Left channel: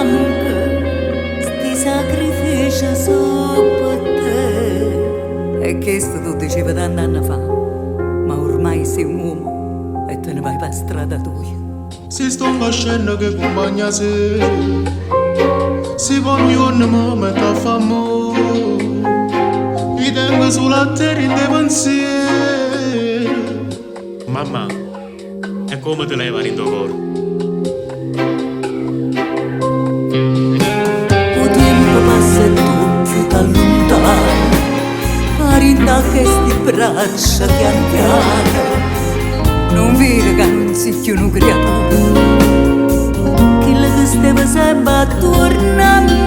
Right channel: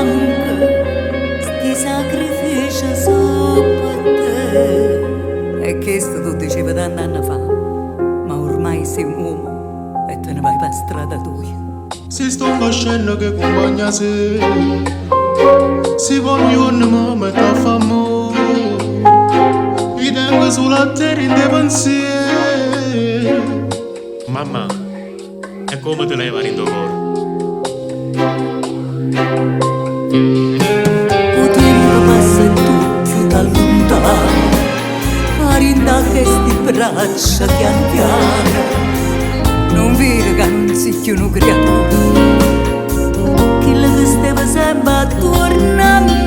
anche sti sacrifici su per te. E questo tu dicevi tanti anni fa, ma ormai sei un uomo e te ne vai per strada tua. Si sto una scena che compagna se si va un giorno mi mette a famo e tengo sulla terra in te pensieri. Mamma, e come te leva in tuo cuore? O tempo passa e tu più da lontano, farinda che sti braccia piano piano. Non vedi che non si più una creatura, quello che stava sempre attorno a me.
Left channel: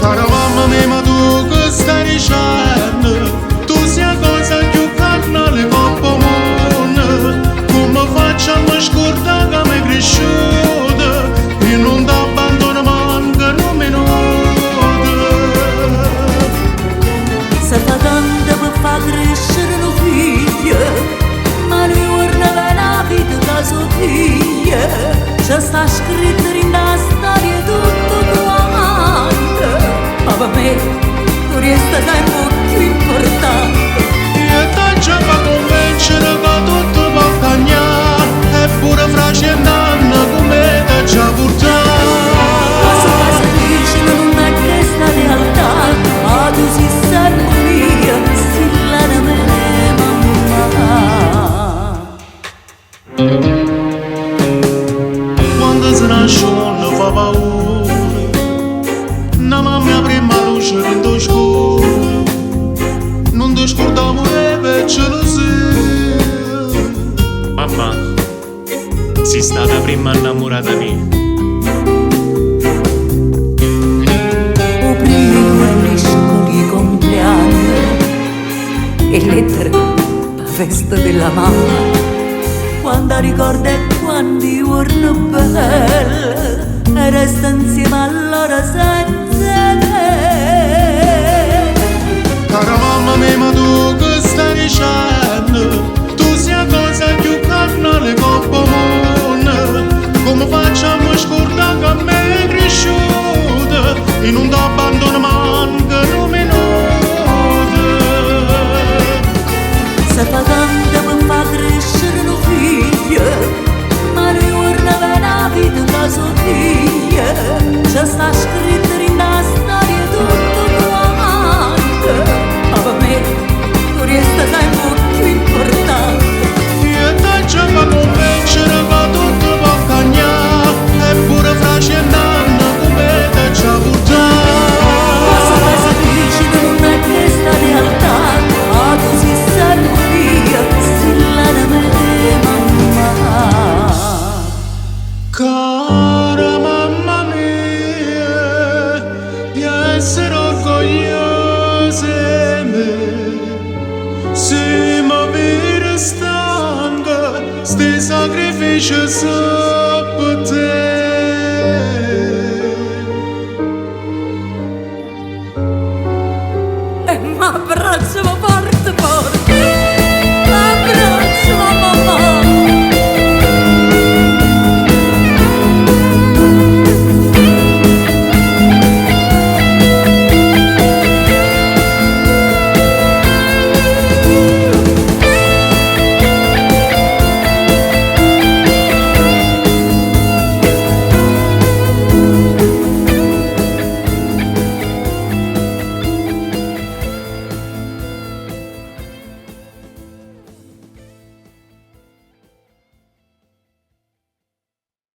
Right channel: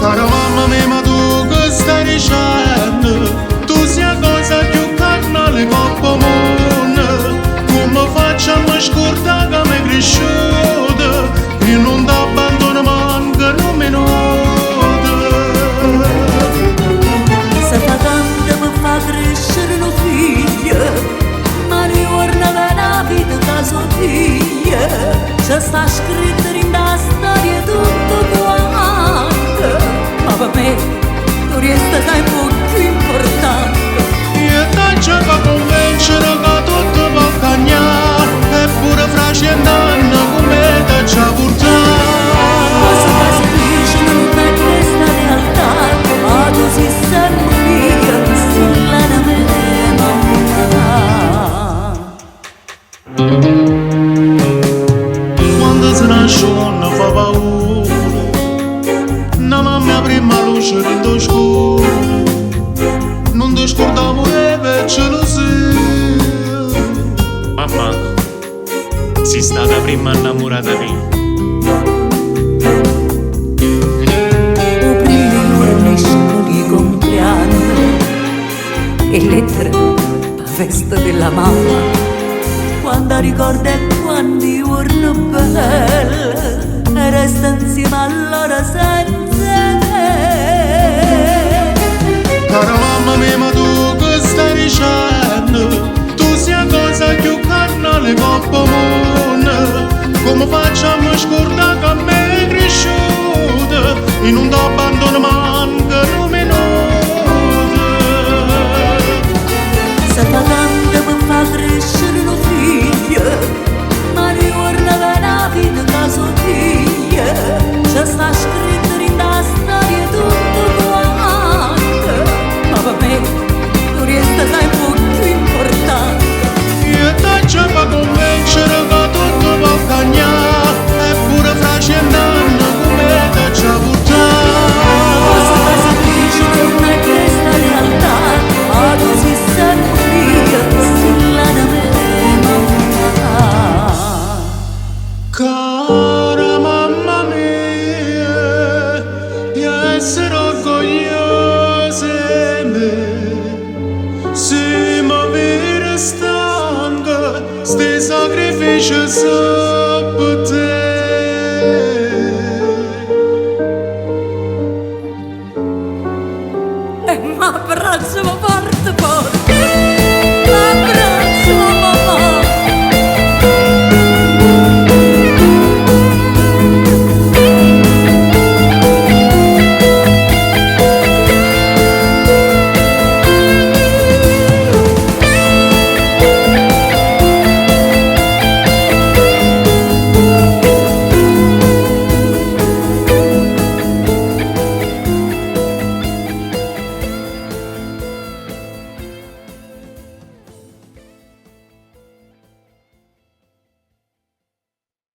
Cara mamma mia, ma tu che stai dicendo? Tu sei la cosa più carnale coppa mondo. Come facciamo a scordare che mi è cresciuta e non ti abbandono manca un minuto. Se fa tanto per far crescere un figlio, ma ne torna per la vita che sua figlia. C'è sta scritto in la storia tutto quanto, ma per me tu resta sempre più importante. E tanto per convincere che tutto può cambiare, eppure fra 100 anni come ti già portato. Cosa che si dice non è questa realtà, ma tu sei sempre mia, stilla da me, mamma. Quando si nasce non fa paura, la mamma prima luce in tuo scuro, non ti scordavo e invece lo sei. Mamma, sei stata prima innamorata mia. O primi giorni scoli compleanno e lettere per festa della mamma. Quando ricorda quanti giorni belli e resta insieme a loro senza te. Cara mamma mia, ma tu che stai dicendo? Tu sei la cosa più carnale coppa mondo. Come facciamo a scordare che me è cresciuta e non ti abbandono manca un minuto. Se fa tanto per far crescere un figlio, ma ne torna per la vita che sua figlia. C'è sta scritto in la storia tutto quanto, ma per me tu resta sempre più importante. E tanto per convincere che tutto può cambiare, eppure fra 100 anni come ti già portato. Cosa che si dice non è questa realtà, ma tu sei sempre mia, stilla da me, mamma. Cara mamma mia, di essere orgogliosa di me, se mi vedi stanca, sti sacrifici sono per te. E mi abbraccio forte forte.